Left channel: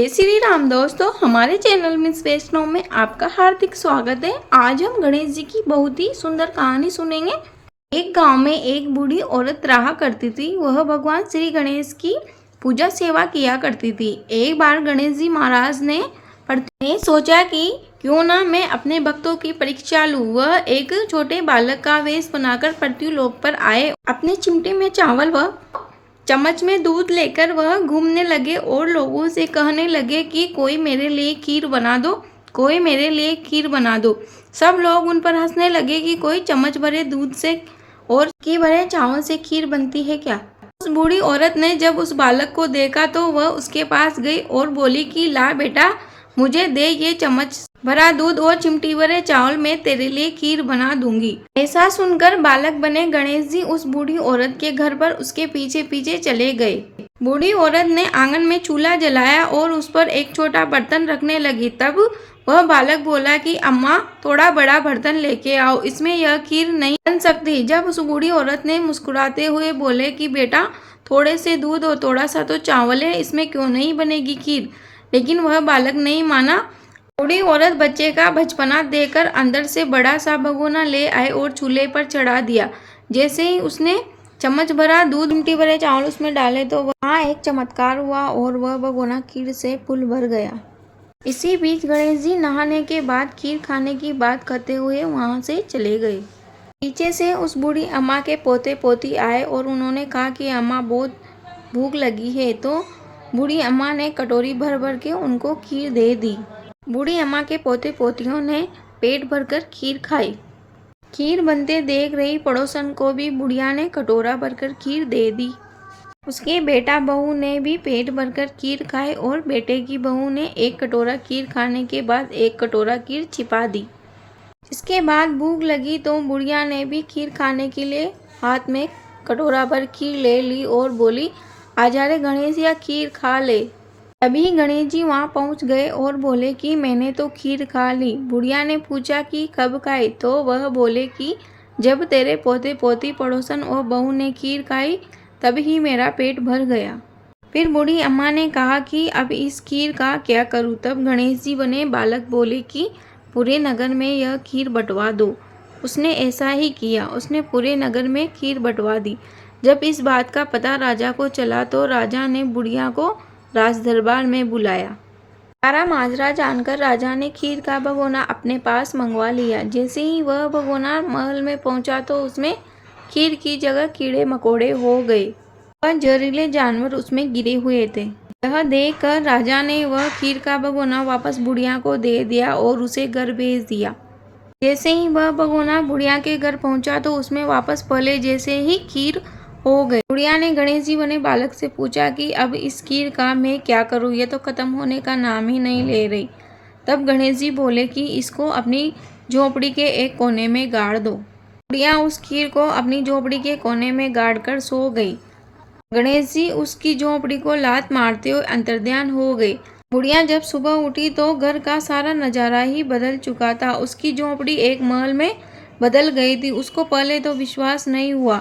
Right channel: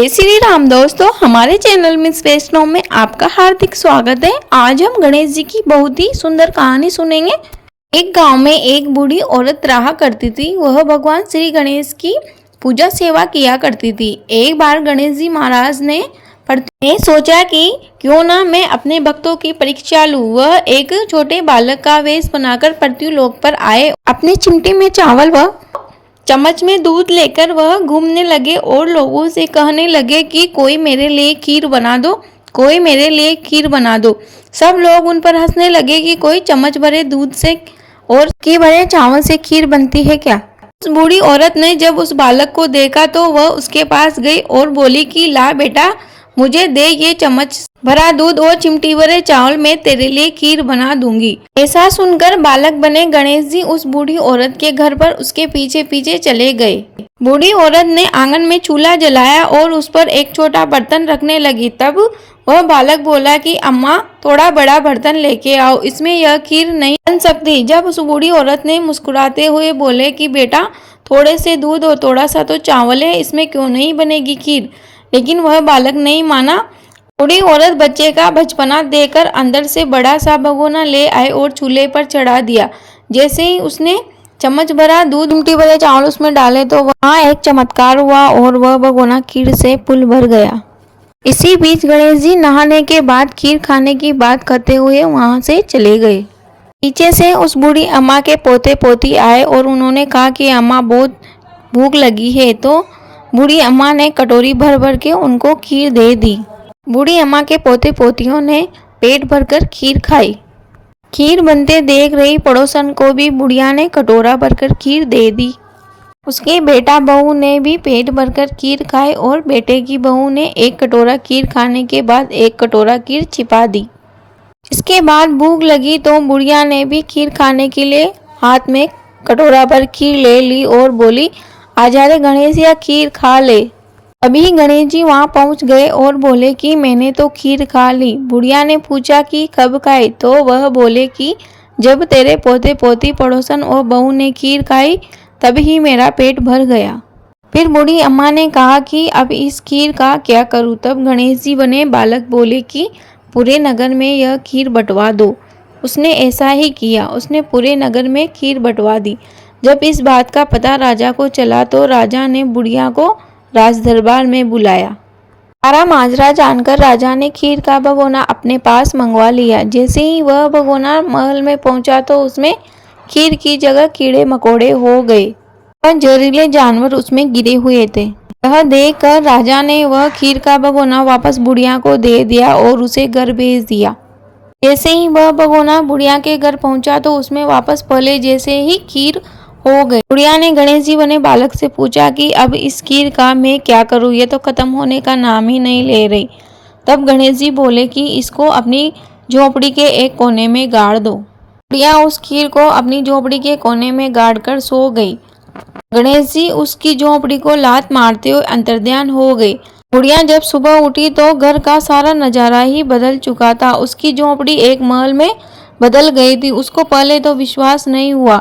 जय श्री राम दोस्तों, हमारे चैनल मिस वैष्णव में आपका हार्दिक स्वागत है। आज हम गणेश जी की बहुत ही सुंदर कहानी सुनेंगे। एक गांव में एक बूढ़ी औरत रहा करती थी। वह भगवान श्री गणेश की पूजा सेवा किया करती थी। एक बार गणेश जी महाराज ने सोचा कि क्यों ना मैं अपने भक्तों की परीक्षा लूं। वह एक छोटे बालक का वेश बनाकर पृथ्वी लोक पर आए। अपनी चिमटी में चावल व चम्मच में दूध लेकर वह घूमने लगे और लोगों से कहने लगे कि कोई मेरे लिए खीर बना दो, कोई मेरे लिए खीर बना दो। सब लोग उन पर हंसने लगे कि कोई चम्मच भरे दूध से और की भरे चावल से खीर बनती है क्या। उस बूढ़ी औरत ने जब उस बालक को देखा तो वह उसके पास गई और बोली कि ला बेटा, मुझे दे ये चम्मच भरा दूध और चिमटी भरे चावल, मैं तेरे लिए खीर बना दूंगी। ऐसा सुनकर बालक बने गणेश जी उस बूढ़ी औरत के घर पर उसके पीछे पीछे चले गए। बूढ़ी औरत ने आंगन में चूल्हा जलाया और उस पर एक छोटा बर्तन रखने लगी। तब वह बालक बोला कि अम्मा, थोड़ा बड़ा बर्तन लेके आओ, इसमें यह खीर नहीं बन सकती। जब उस बूढ़ी औरत ने मुस्कुराते हुए बोले कि बेटा, थोड़े से दूध और थोड़ा सा तो चावल है, इसमें क्यों नहीं बनेगी खीर। लेकिन वह बालक नहीं माना। बूढ़ी औरत बच्चे का बचपना देकर अंदर से बड़ा सा भगोना ले आए और चूल्हे पर चढ़ा दिया। जैसे ही उसने चम्मच भरा दूध चिमटी भरे चावल उसमें डाले तो वहाँ एक चमत्कार हुआ और वह भगोना खीर से फुल भर गया। इसी बीच गणेश जी नहाने के बाद खीर खाने की बात करते हुए वहाँ से चले गए। पीछे से उस बूढ़ी अम्मा के पोते पोती आए और उन्होंने कहा कि अम्मा, बहुत भूख लगी है। तो बूढ़ी अम्मा ने कटोरी भर भर के उनको खीर दे दी। बूढ़ी अम्मा के पोते पोतियों ने पेट भरकर खीर खाई। खीर बनते देख रही पड़ोसन को भी बुढ़िया ने कटोरा भरकर खीर दे दी। उसके बेटा बहू ने भी पेट भरकर खीर खाई और बेटे की बहू ने एक कटोरा खीर खाने के बाद एक कटोरा खीर छिपा दी। इसके बाद भूख लगी तो बुढ़िया ने भी खीर खाने के लिए हाथ में कटोरा भर खीर ले ली और बोली, आजा रे गणेश, या खीर खा ले। अभी गणेश जी वहाँ पहुँच गए और बोले कि मैंने तो खीर खा ली। बुढ़िया ने पूछा कि कब खाई, तो वह बोले कि जब तेरे पोते पोती पड़ोसन और बहू ने खीर खाई तभी मेरा पेट भर गया। फिर बूढ़ी अम्मा ने कहा कि अब इस खीर का क्या करूँ। तब गणेश जी बने बालक बोले कि पूरे नगर में यह खीर बंटवा दो। उसने ऐसा ही किया। उसने पूरे नगर में खीर बंटवा दी। जब इस बात का पता राजा को चला तो राजा ने बुढ़िया को राज दरबार में बुलाया। सारा माजरा जानकर राजा ने खीर का भगोना अपने पास मंगवा लिया। जैसे ही वह भगोना महल में पहुंचा तो उसमें खीर की जगह कीड़े मकोड़े हो गए और जहरीले जानवर उसमें गिरे हुए थे। यह देखकर राजा ने वह खीर का भगोना वापस बुढ़िया को दे दिया और उसे घर भेज दिया। जैसे ही वह भगोना बुढ़िया के घर पहुंचा तो उसमें वापस पहले जैसे ही खीर हो गई। बुढ़िया ने गणेश जी बने बालक से पूछा कि अब इस खीर का मैं क्या करूं, ये तो खत्म होने का नाम ही नहीं ले रही। तब गणेश जी बोले कि इसको अपनी झोपड़ी के एक कोने में गाड़ दो। बुढ़िया उस खीर को अपनी झोपड़ी के कोने में गाड़ कर सो गई। गणेश जी उसकी झोपड़ी को लात मारते हुए अंतर्ध्यान हो गए। बुढ़िया जब सुबह उठी तो घर का सारा नजारा ही बदल चुका था। उसकी झोपड़ी एक महल में बदल गई थी। उसको पहले तो विश्वास नहीं हुआ,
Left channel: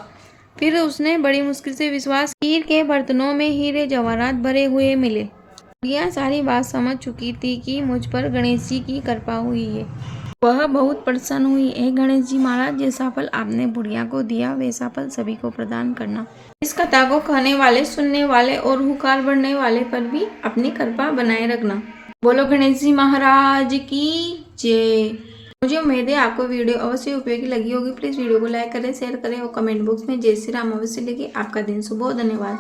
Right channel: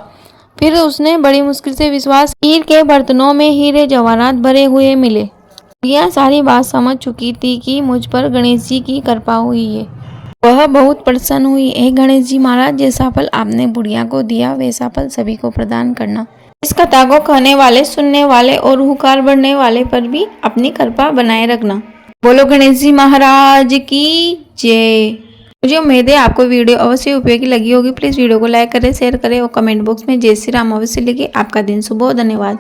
फिर उसने बड़ी मुश्किल से विश्वास। खीर के बर्तनों में हीरे जवाहरात भरे हुए मिले। बुढ़िया सारी बात समझ चुकी थी कि मुझ पर गणेश जी की कृपा हुई है। वह बहुत प्रसन्न हुई। हे गणेश जी महाराज, जैसा फल आपने बुढ़िया को दिया वैसा फल सभी को प्रदान करना। इस कथा को कहने वाले, सुनने वाले और हुकार बढ़ने वाले पर भी अपनी कृपा बनाए रखना। बोलो गणेश जी महाराज की जय। मुझे उम्मीद है आपको वीडियो अवश्य उपयोगी लगी होगी। प्लीज़ वीडियो को लाइक करें, शेयर करें और कमेंट बॉक्स में जय श्री राम अवश्य लिखिए। आपका दिन शुभ हो। धन्यवाद।